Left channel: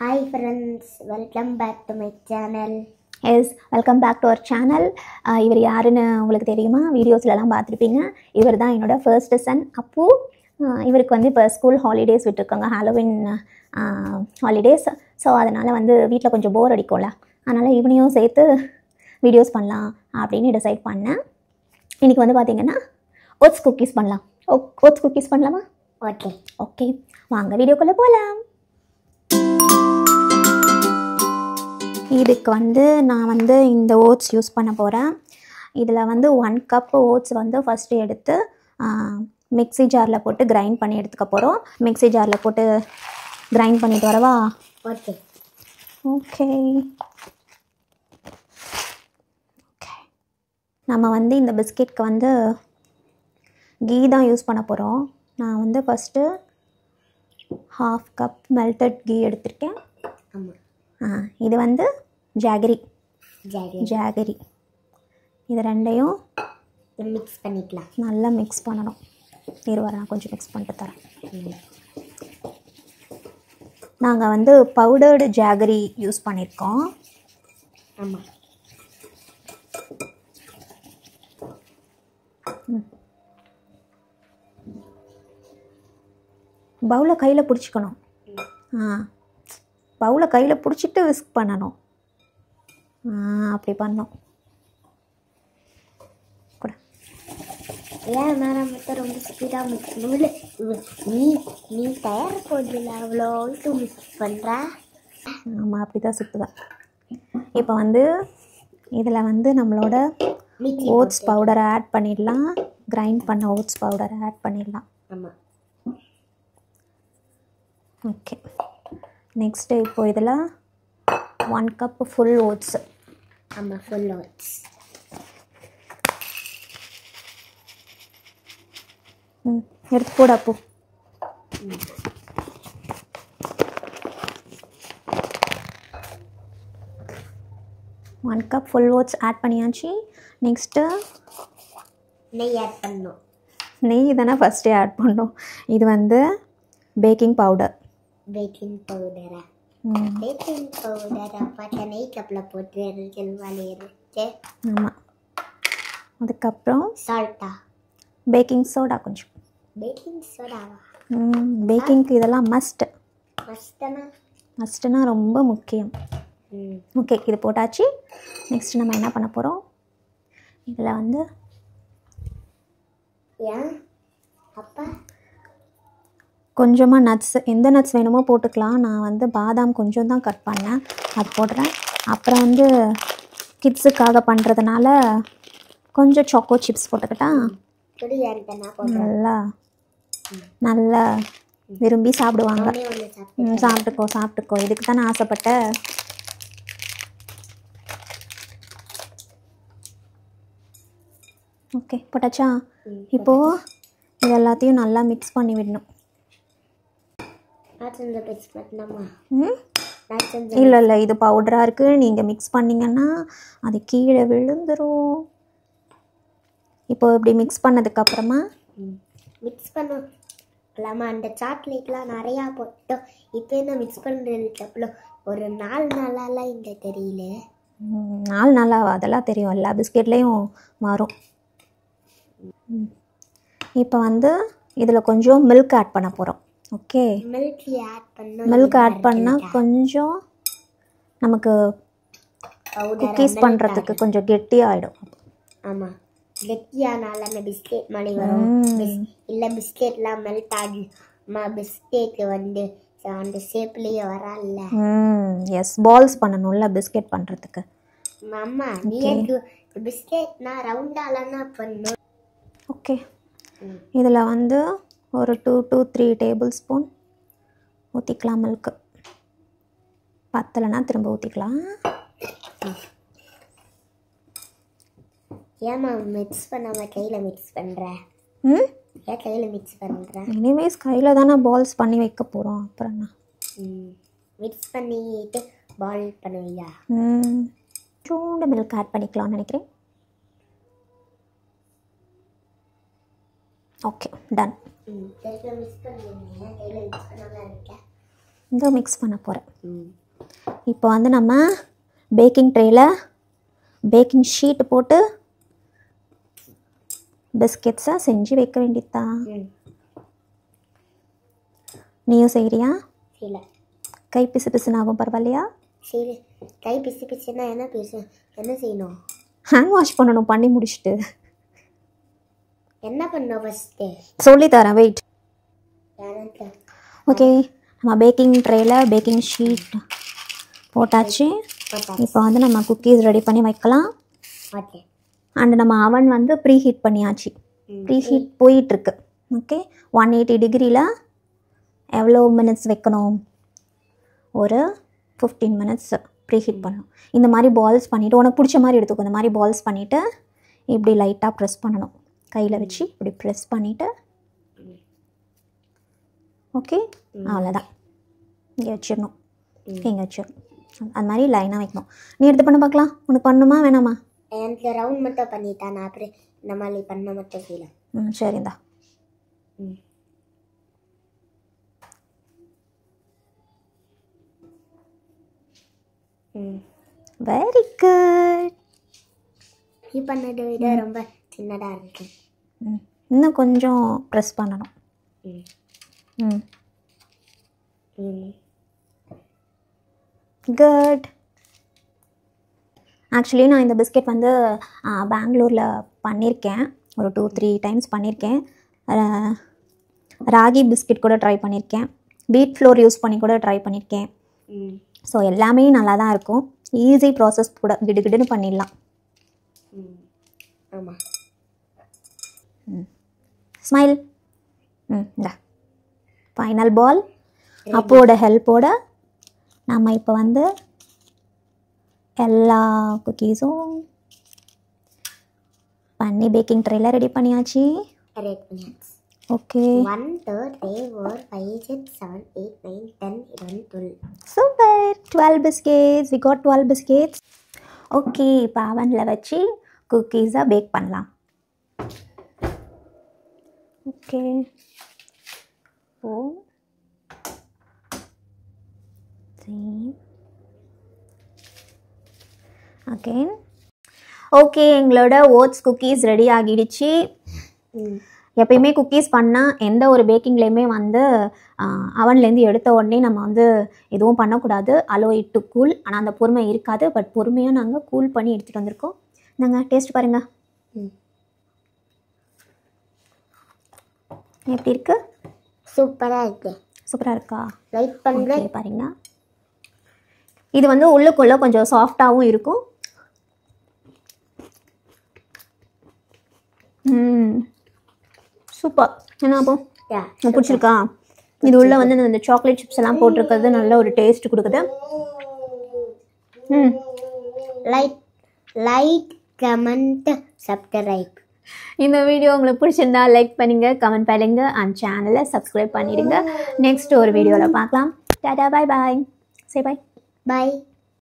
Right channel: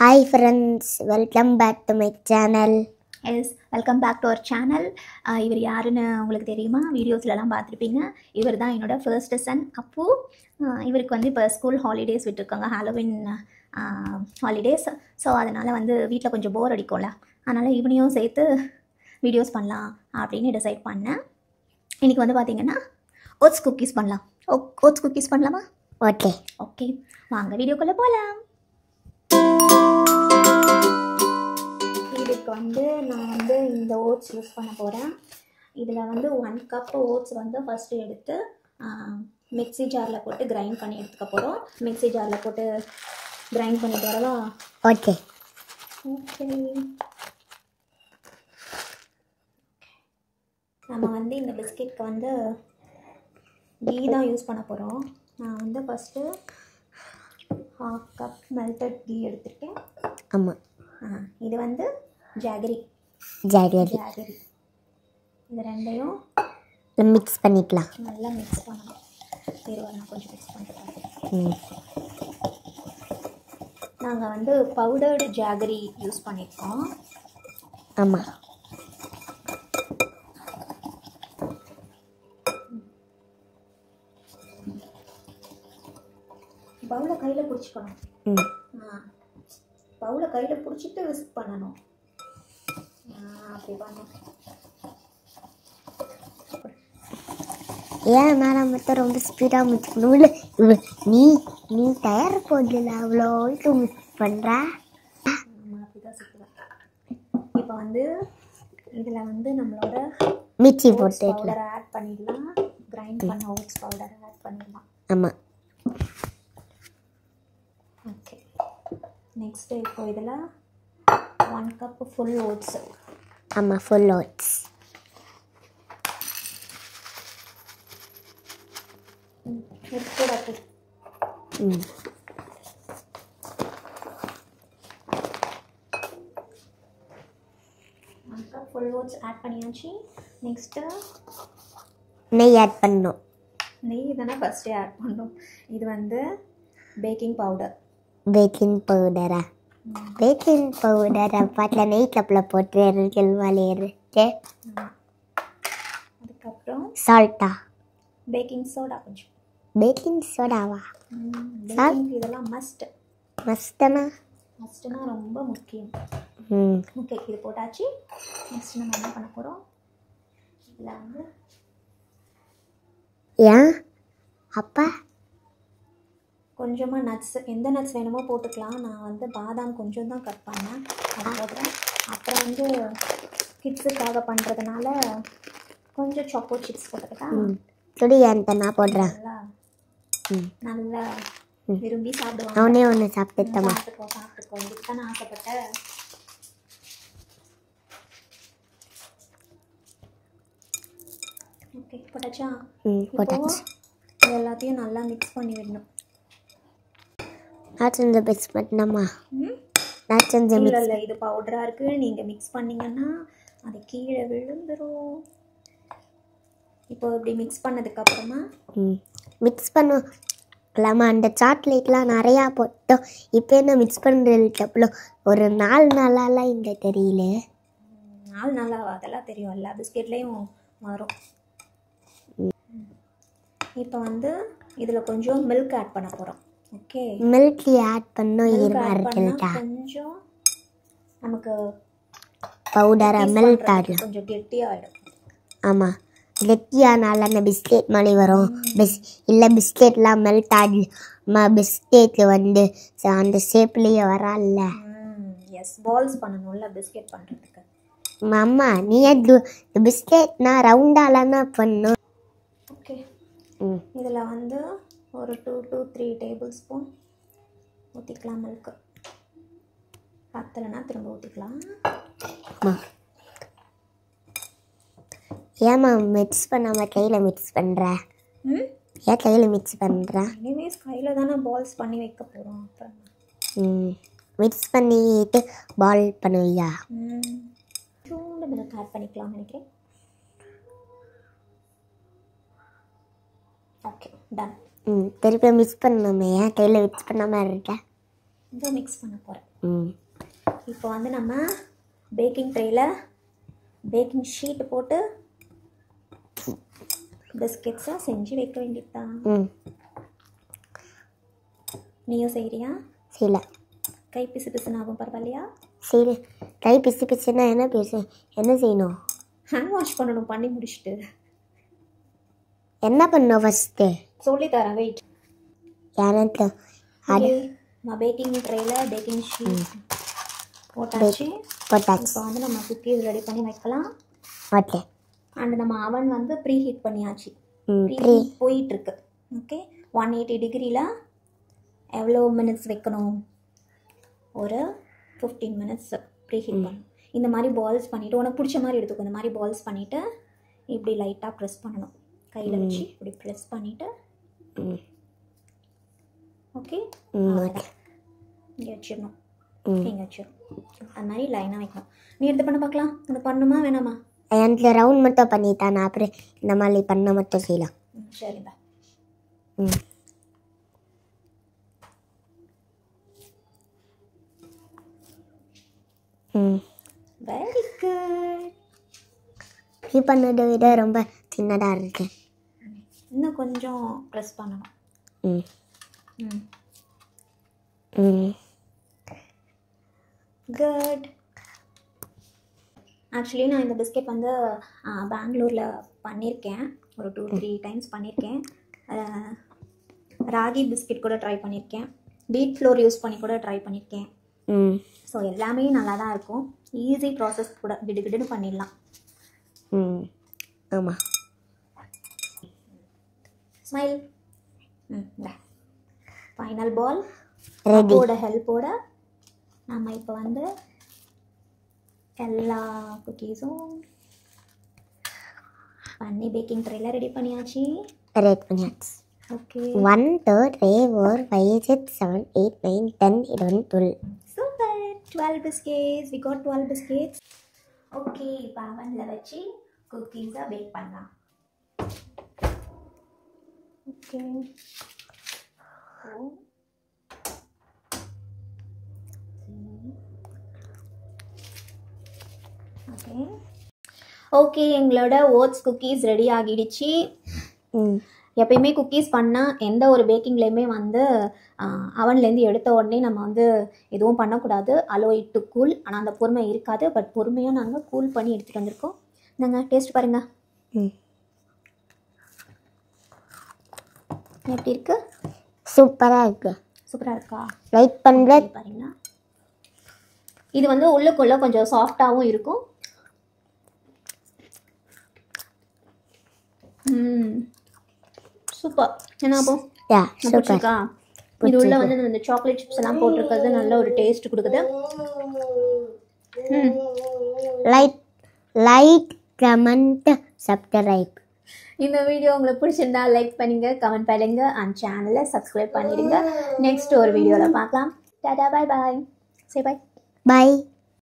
Hi friends, welcome back to my channel. Yes welcome back to our channel. இவர் யாருன்னு உங்களுக்கு தெரியுமா? வீடியோஸ்லலாம் பார்த்துருப்பீங்க. இவர் தான் என்னோடய ஃபர்ஸ்ட் சன் அப்பு. இவருக்கு வந்து இப்போ ஸ்கூல் ஹாலிடேஸ் விட்டுருக்காங்க, ஹாலோவின் ஹாலிடேஸ். ஸோ அதனால் வந்து வீட்டில் கொஞ்சம் போர் அடிக்கும்ல, அதனால் இவனையும் சேர்த்து வீடியோஸ் பண்ணலாம் அப்படின்னு டிசைட் பண்ணேன். இன்றைக்கி வந்து பார்த்திங்கன்னா ஓட்ஸ் குக்கீஸ் பண்ணலாம். ஓட்ஸ் குக்கீஸ் பண்ணலாமா? ஓகே ஓகே, வாங்க வீடியோக்குள்ளே போகலாம். இதுக்கு வந்து நான் வந்து இந்த ஓட்ஸ் யூஸ் பண்ண போகிறேன். இதில் வந்து 1 கப் ஓட்ஸ் வந்து ஃபஸ்ட்டு எடுத்து மிக்ஸி ஜாரில் போட்டு கிரைண்ட் பண்ணி எடுத்துக்க போகிறோம். மிக்ஸி ஜாரில் போட்டு கிரைண்ட் பண்ணிட்டு வரவா? ஓகே ஓகே நம்ம வந்து இந்த பிஸ்கெட்க்கு வந்து கீ தான் யூஸ் பண்ண போகிறோம். நான் வந்து ஃபஸ்ட்டு 1/2 கப் மெல்டட் கீ எடுத்திருக்கேன். ஆமாம், இது வந்து ஜாகரி. இது ரெண்டையும் மிக்ஸ் பண்ணிக்கலாம். நல்லா மிக்ஸ் பண்ணணும். நான் கொஞ்சம் மிக்ஸ் பண்ணிட்டு தரேன். நாங்கள் வந்து பவுடர்டு ஜாகரி யூஸ் பண்ணியிருக்கோம். ஆமாம், பவுலை கையில் பிடிச்சிக்கணும். பவுலை கையில் பிடிச்சிட்டு விஸ்க் பண்ணணும். அப்படி பண்ணோம். ஏன் நான் மட்டும் ரொம்ப ஸ்பீடாக மிக்ஸ் பண்ணல? நீ டயர் போடல, அவ்வளோ மிக்ஸ் பண்ணுற. ஆமாம், அப்படி தான் சுற்றுவேன். இப்போ வந்து இதில் வந்து நம்மளோட ஓட்ஸ் பவுடரை ஆட் பண்ணிடலாம். கிரைண்ட் பண்ண ஓட்ஸ் பவுடரை ஆட் பண்ணிடலாம். ஆமாம், ஓகே. நெக்ஸ்ட்டு இப்போ இதில் 1 கப் ஃபுல் ஓட்ஸ். ஆமாம், ஃபுல் ஓட்ஸ். எடுத்து போட அப்போ. 1 கப் ஃபுல் ஓட்ஸ் ஆட் பண்ணியாச்சு. நெக்ஸ்ட்டு நெய் ஆட் பண்ணணும். நெய் தானே ஃபஸ்ட்டே ஆட் பண்ணோம். இது வந்து பேக்கிங் பவுடர். பேக்கிங் பவுடரா? பேக்கிங் பவுடரை பாட்டில் நெய் கப்பில் போட்டு இருக்கு. ஆமாம். அதுக்கப்புறம் சால்ட்டா? பேக்கிங் சோடா கொஞ்சம். பேக்கிங் சோடாவா? பேக்கிங்க்கு இதெல்லாம் மஸ்ட்டுனா ரொம்ப முக்கியம். ஓகே, இது போட்டாச்சு. நெக்ஸ்ட் நம்ம என்ன பண்ண போகிறோம்? இதில் வந்து ஏன் அப்பா கொஞ்சமாக நட்ஸ், எந்த நட்ஸ் வேணுமோ போட்டுக்கலாம். நான் வந்து பாதாம் கொஞ்சம் தான் கட் பண்ணேன், அது போடுறேன். அப்புறம் வந்து கிட்ஸுக்காக பண்ணுறதுனால கொஞ்சம் சாக்கோ சிப்ஸ் போட்டுக்கிட்டா சொல்லி நான் போடுறேன். நல்லா விரும்பி சாப்பிடுவாங்க. அவனே ஒன்று சாப்பிட்டுக்கோ. இதுக்கு தானே ஆசைப்பட்ட. ஓகே, போட்டாச்சா? இப்போது இது எல்லாத்தையும் நல்லா மிக்ஸ் பண்ணி விடணும். மிக்ஸ் பண்ணாமா? இல்லை, இது பவுடராக இருக்குது. நீங்கள் மிக்ஸ் பண்ணிங்கன்னா அது கீழே விழுந்துடும். இப்போ இப்படி மிக்ஸ் பண்ணதுக்கப்புறமா மிக்ஸ் பண்ணலாமா? அந்த சாக்லேட்லாம் நிறையா போட்டோம். இப்போ என்ன மிக்ஸ் பண்ணுறதுக்கு ஒரு 4 நாளாலாம் இந்த தெரியல. 4 நாளாக அதெல்லாம் தெரியும், எல்லா பிஸ்கெட்லேயும் வரும். இப்போ வந்து இதில் கொஞ்சம் மில்க் ஆட் பண்ண போகிறோம். ஓகே, மில்க் ஆட் பண்ணால் கொஞ்சம் நமக்கு பவுடர் பண்ணுறதுக்கு கொஞ்சம் கெட்டியாகிடும். ஆமாம், கெட்டியானால அந்த பிஸ்கெட் மாதிரி வரும். இல்லை பிஸ்கெட்லாம் மெல்ட் ஆகி பிஸ்கெட்டு வந்து அந்த ஷேப்லேயே வரல. எஸ், பால்ஸ் பண்ணணும்ல பிஸ்கெட் பண்ணுறதுக்கு. அம்மா நீ பிஸ்கெட்னா ரவுண்டாலானா பண்ணும். ஓகே, இதில் வந்து ஒரு 2 to 3 டேபிள் ஸ்பூன் ஊற்றிக்கலாம் மில்க்கு. பத்தலைன்னா திரும்ப ஊற்றிக்கலாம். ஏம்மா மிக்ஸ் பண்ணாமல் கையில் மிக்ஸ் பண்ணுற? ஏன் கையில் மிக்ஸ் பண்ணுற? எனிவேஸ் கையில் தானே பால்ஸ் பண்ணி வைக்க போகிறோம். அப்புறம் என்ன, மிக்ஸ் பண்ணிட்டு பால் பண்ணுவியா? சூடு மில்க் ஆட் பண்ணிக்கலாம்னு நினைக்கிறேன். Okay, ton. திருப்பி மிக்ஸ் பண்ணணுமே, ஏன் கையில் மிக்ஸ் பண்ணாமல் இருக்கேன்? இங்கே மிக்ஸ் பண்ண போகிறேன். ம் இப்போ வந்து நம்ம பேக்கிங் ட்ரேயில் பேக்கிங் ஷீட் போட்டு பிஸ்கெட்ஸை செஞ்சு வைக்க வேண்டியதுதான். ம் நீயும் செய்கிறியா? செய்யல. கை பிசு பிசுன்னு ஆகும், பரவாயில்லையா? சரி, கை பிசு பிசுன்னா என்ன செய்யணும்? ஹேண்ட் வாஷ் பண்ணணும் பண்ணி முடிச்சுட்டு. என்ன பண்ணணும் ஃபஸ்ட்டு? சொல்லித்தரேன், வெயிட். எனக்கு ஓகே, நம்ம பேக்கிங் ட்ரேயில் பேக்கிங் ஷீட் போட்டாச்சு. இப்போ வந்து நம்ம குக்கீஸ் ரெடி பண்ணி வைக்கலாம். ஓகே. அண்ட் நம்ம அவன் வந்து ப்ரீ ஹீட் பண்ணியாச்சு. ப்ரீ ஹீட் போயிட்டுருக்கு. ஓகே, 180 டிகிரியில் எவ்வளோ மினிட்ஸ் வைக்கணும்? ஒரு 15 மினிட்ஸ் ப்ரீ ஹீட் பண்ணணும். இந்த மாதிரி பால்ஸ் பண்ணிவிட்டு, உனக்கு பிடிச்ச மாதிரி எடுத்துக்கோ. இந்த மாதிரி பால்ஸ் பண்ணிவிட்டு இப்படி லைட்டாக ப்ரெஸ் பண்ணணும். கையில் வச்சு இப்படி ப்ரெஸ் பண்ணிவிட்டு, ஓகே, அவ்வளோதான். இங்கே வச்சிடணும். இங்கே வச்சிடணும். அது மாதிரி லைனாக வைக்கணும். நீ எடுத்து பண்ண பார்க்கலாம். உனக்கு பண்ணணுமா வேணாமா? எனக்கு ரவுண்ட் மட்டும் பண்ணித்தான், நான் அப்புறம் இந்த மாதிரி பண்ண மட்டும் செய்யலாம். சரிந்தா. Very good. நீ பண்ணதை விட ரொம்ப சின்னதாக இருக்கு. இன்னும் கொஞ்சம் ப்ரெஸ் பண்ணணும். குட். ஆக்சுவலி நான் இந்த பிஸ்கெட் வந்து பெங்களூரில் பண்ணியிருக்கேன். ஒரு 2-3 டைம்ஸ் பண்ணியிருக்கேன். ராகி பிஸ்கெட் கூட ட்ரை பண்ணியிருக்கேன். வீட் ஃப்ளோர் யூஸ் பண்ணி கூட ட்ரை பண்ணியிருக்கேன். ஸோ எல்லாமே நல்லா தான் இருக்கும். ஈஸி ப்ராசஸ் கூட, கிடுகிடுன்னு பண்ணிடலாம். ஆமாம். ஸ்மைல். இந்த ஃபைனல் பால் அப்போட ஹெல்ப்போட நம்ம இப்போ வந்து எல்லா குக்கீஸும் பண்ணி பேக்கிங் ட்ரேயில் ரெடி பண்ணியாச்சு. Okay. 1 2 3 4 5 6 7 8 9 10 11 12. Super. 12 biscuits. We got 12 biscuits. Okay, இப்போ அவனில் வச்சு குக்கீஸை பேக் பண்ணலாம். ஓகே. அகெயின். ஓகே, எங்களோட ஓட்ஸ் குக்கீஸ் ரெடி ஆகிடுச்சு. எப்பயுமே குக்கீஸ் பண்ணால் எந்த ஒரு பேக்கிங்லேயுமே வந்து அவன்லேருந்து எடுத்த உடனே நம்ம வந்து எதுவும் பண்ணக்கூடாது. Allow it to cool. ஆனால் அந்த பொறுமை இருக்காது. பட் பொறுமையாக நாங்கள் கூல் பண்ணி எடுத்துகிட்டு வந்திருக்கோம். இந்தாங்க, டேஸ்ட் பாருங்கள். எப்படி இருக்குது? சூப்பராக இருக்குது. சூப்பராக இருக்கா? லைட் பண்ணுற பாருங்க. இது வந்து உள்ளுக்குள்ளே கொஞ்சம் சாஃப்டாகவும் இருக்கும். சூப்பர். என்ன அப்போ பிடிச்சிருக்கா? இது உள்ள வந்து இந்த சாக்லேட் சிப்ஸ் எல்லாம் போட்டிருக்கிறது நல்ல ஒரு டேஸ்ட் கொடுக்குது. Like comment subscribe. இந்த வீடியோ உங்களுக்கு பிடிச்சிருந்தா லைக் பண்ணுங்க, கமெண்ட் பண்ணுங்க, அண்ட் சேனலை சப்ஸ்கிரைப் பண்ணிடுங்க. நெக்ஸ்ட் ஒரு வீடியோவில் பார்க்கலாம். டாடா, பாய் பாய். சே பாய். பாய்.